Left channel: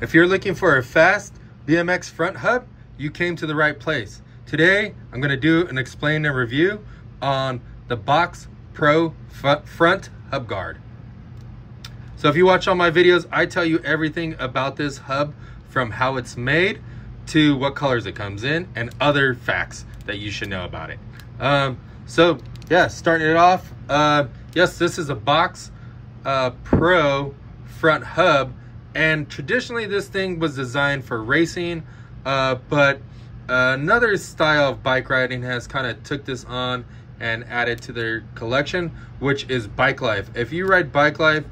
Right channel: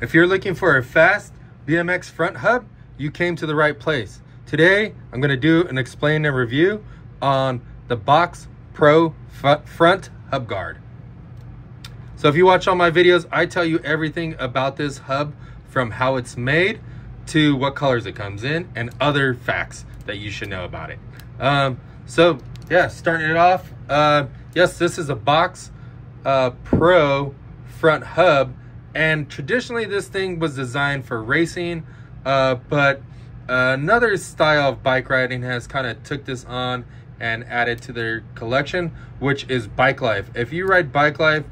If you're looking for a fast BMX front hub, you came to the right place. Today, I'm going to do and explain a review on the Box Pro front hub guard. So if you watch all my videos, I tell you everything about this hub, from how it's made to what colors it comes in and other facts that you should know about it. So yeah, starting it off, yes, this is a Box Pro front hub, and traditionally this thing was designed for racing, but another style of bike riding has kind of took this on and added to their collection, which is Bike Life. If you ride Bike Life,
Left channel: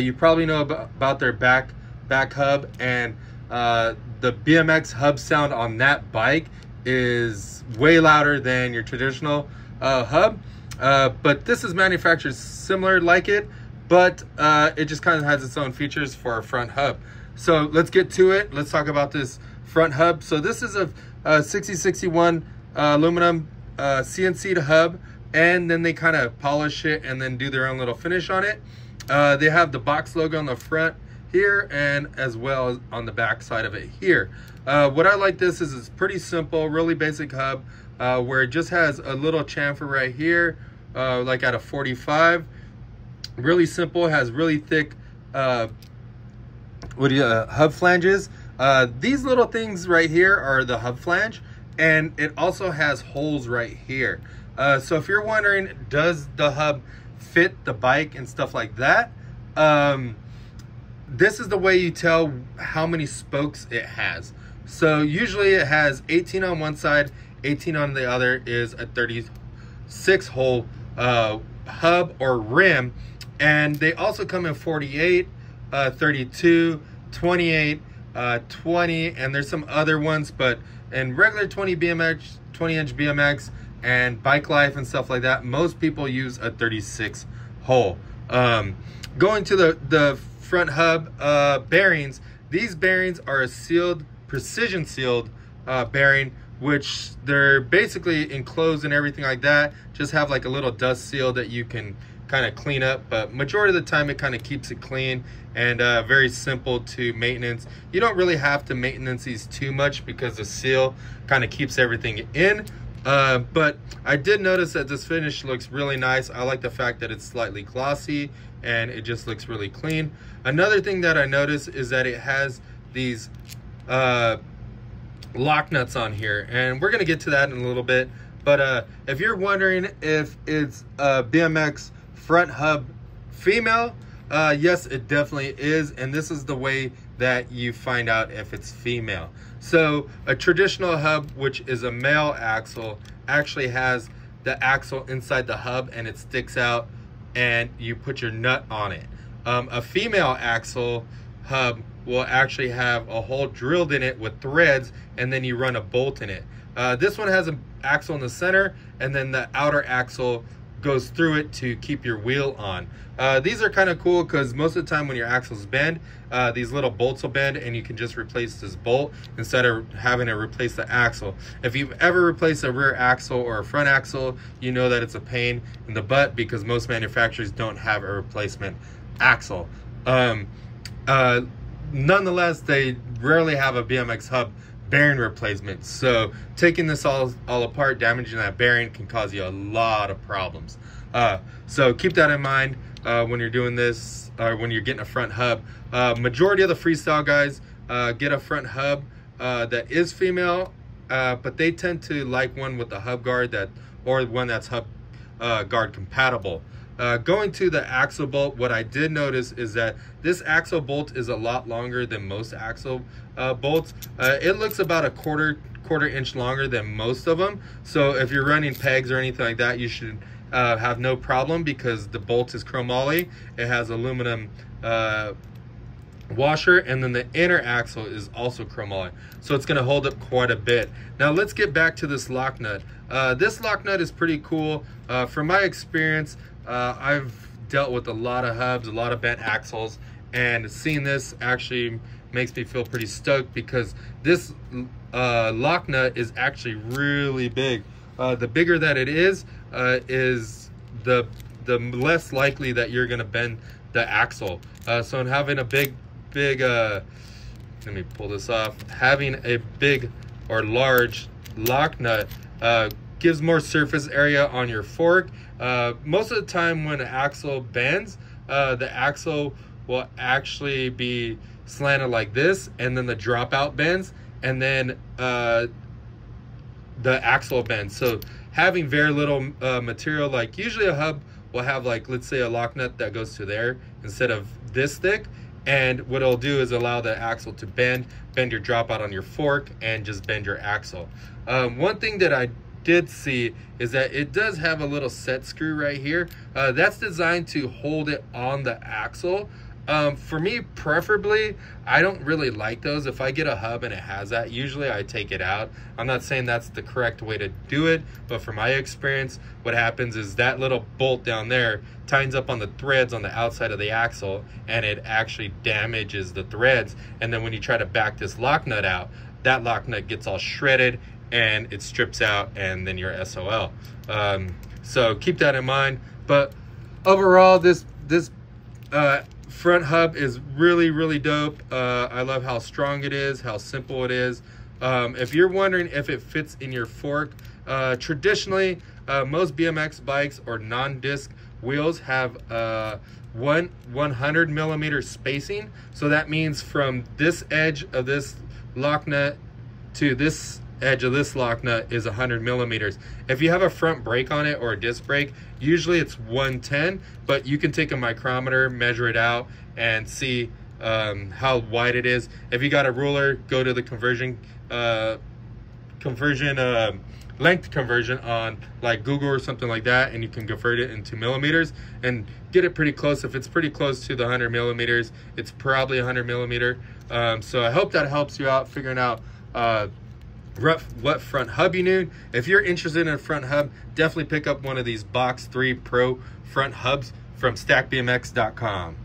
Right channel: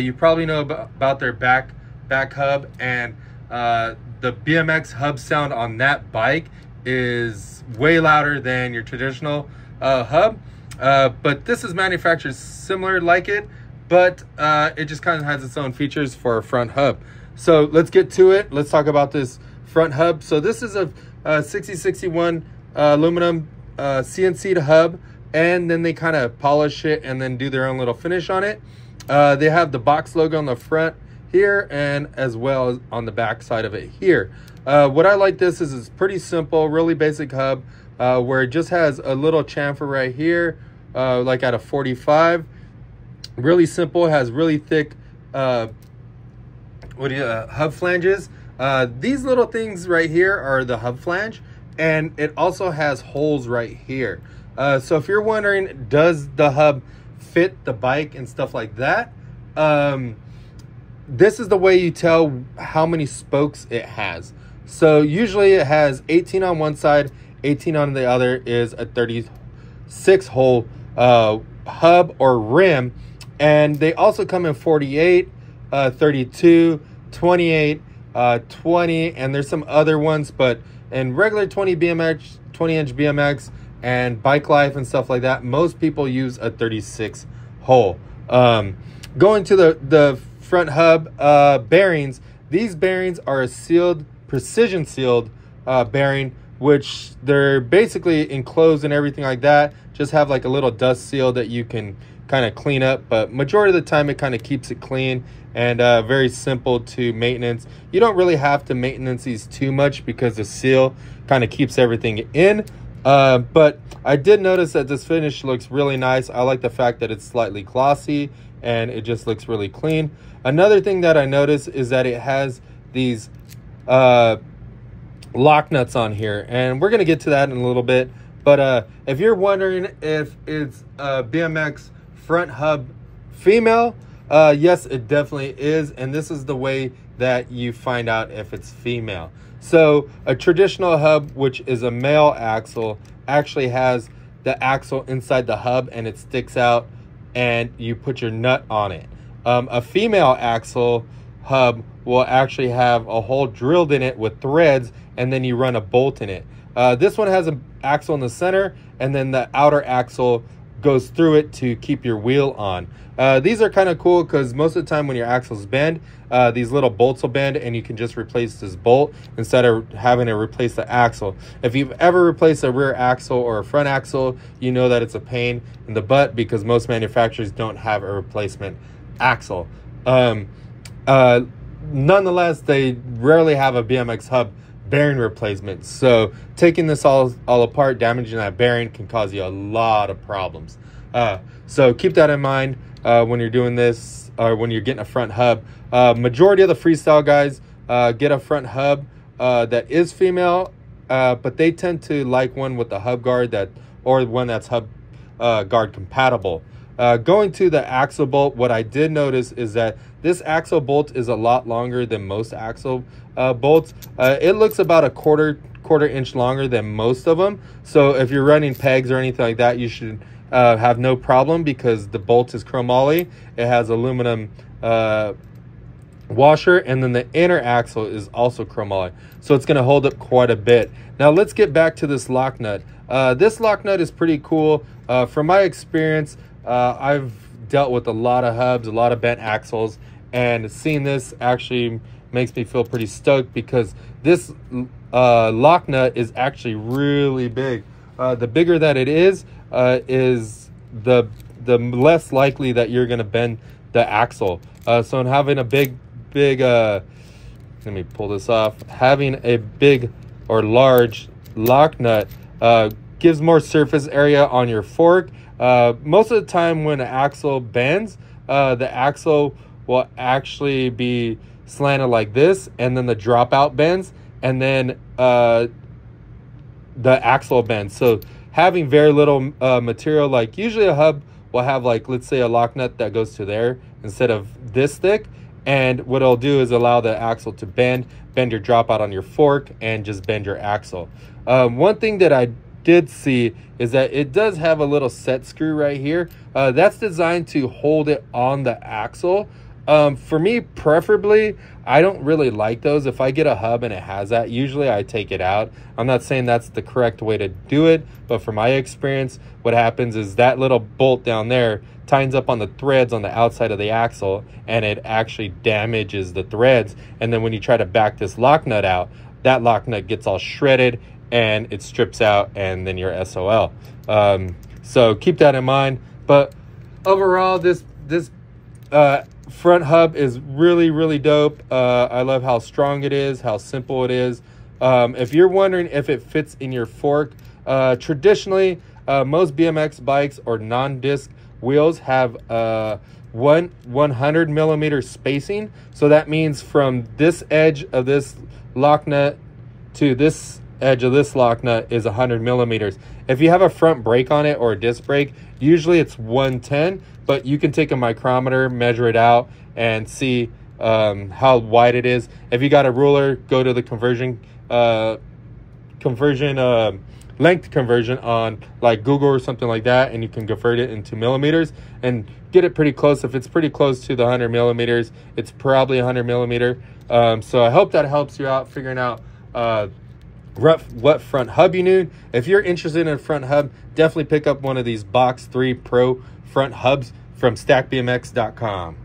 you probably know about their back hub, and the BMX hub sound on that bike is way louder than your traditional hub, but this is manufactured similar like it, but it just kind of has its own features for a front hub. So let's get to it. Let's talk about this front hub. So this is a 6061 aluminum CNC'd hub, and then they kind of polish it and then do their own little finish on it. They have the Box logo on the front here, and as well as on the back side of it here. What I like this is it's pretty simple, really basic hub, where it just has a little chamfer right here, like at a 45. Really simple, has really thick hub flanges. These little things right here are the hub flange, and it also has holes right here. So if you're wondering, does the hub fit the bike and stuff like that, this is the way you tell how many spokes it has. So usually it has 18 on one side, 18 on the other, is a 36 hole hub or rim. And they also come in 48, 32, 28, 20, and there's some other ones, but in regular 20 BMX, 20-inch BMX and Bike Life and stuff like that, most people use a 36 hole. Going to the front hub bearings, these bearings are a sealed, precision sealed bearing, which they're basically enclosed and everything like that. Just have like a little dust seal that you can kind of clean up, but majority of the time it kind of keeps it clean and very simple to maintenance. You don't really have to maintenance these too much because the seal kind of keeps everything in. But I did notice that this finish looks really nice. I like the fact that it's slightly glossy and it just looks really clean. Another thing that I noticed is that it has these lock nuts on here, and we're gonna get to that in a little bit. But if you're wondering if it's a BMX front hub female, yes, it definitely is, and this is the way that you find out if it's female. So a traditional hub, which is a male axle, actually has the axle inside the hub and it sticks out and you put your nut on it. A female axle hub will actually have a hole drilled in it with threads, and then you run a bolt in it. This one has an axle in the center, and then the outer axle goes through it to keep your wheel on. These are kind of cool because most of the time when your axles bend, these little bolts will bend, and you can just replace this bolt instead of having to replace the axle. If you've ever replaced a rear axle or a front axle, you know that it's a pain in the butt because most manufacturers don't have a replacement axle. Nonetheless, they rarely have a BMX hub bearing replacement, so taking this all apart, damaging that bearing can cause you a lot of problems. So keep that in mind when you're doing this, or when you're getting a front hub. Majority of the freestyle guys get a front hub that is female, but they tend to like one with the hub guard, or one that's hub guard compatible. Going to the axle bolt, what I did notice is that this axle bolt is a lot longer than most axle bolts. It looks about a quarter inch longer than most of them. So if you're running pegs or anything like that, you should have no problem because the bolt is chromoly. It has aluminum washer, and then the inner axle is also chromoly. So it's gonna hold up quite a bit. Now let's get back to this lock nut. This lock nut is pretty cool. From my experience, I've dealt with a lot of hubs, a lot of bent axles, and seeing this actually makes me feel pretty stoked because this lock nut is actually really big. The bigger that it is the less likely that you're gonna bend the axle. So in having a big let me pull this off. Having a big or large lock nut gives more surface area on your fork. Most of the time when an axle bends, the axle will actually be slanted like this, and then the dropout bends, and then the axle bends. So having very little material, like usually a hub will have, like, let's say a lock nut that goes to there instead of this thick. And what it'll do is allow the axle to bend your dropout on your fork, and just bend your axle. One thing that I did see is that it does have a little set screw right here. That's designed to hold it on the axle. For me, preferably, I don't really like those. If I get a hub and it has that, usually I take it out. I'm not saying that's the correct way to do it, but from my experience, what happens is that little bolt down there tightens up on the threads on the outside of the axle, and it actually damages the threads. And then when you try to back this lock nut out, that lock nut gets all shredded and it strips out, and then you're SOL. So keep that in mind. But overall, this front hub is really dope. I love how strong it is, how simple it is. If you're wondering if it fits in your fork, traditionally most BMX bikes or non-disc wheels have 100 millimeter spacing. So that means from this edge of this lock nut to this edge of this lock nut is 100 millimeters. If you have a front brake on it or a disc brake, usually it's 110, but you can take a micrometer, measure it out, and see how wide it is. If you got a ruler, go to the length conversion on like Google or something like that, and you can convert it into millimeters and get it pretty close. If it's pretty close to the 100 millimeters, it's probably 100 millimeter. So I hope that helps you out figuring out what front hub you need. If you're interested in a front hub, definitely pick up one of these Box 3 Pro front hubs from stackbmx.com.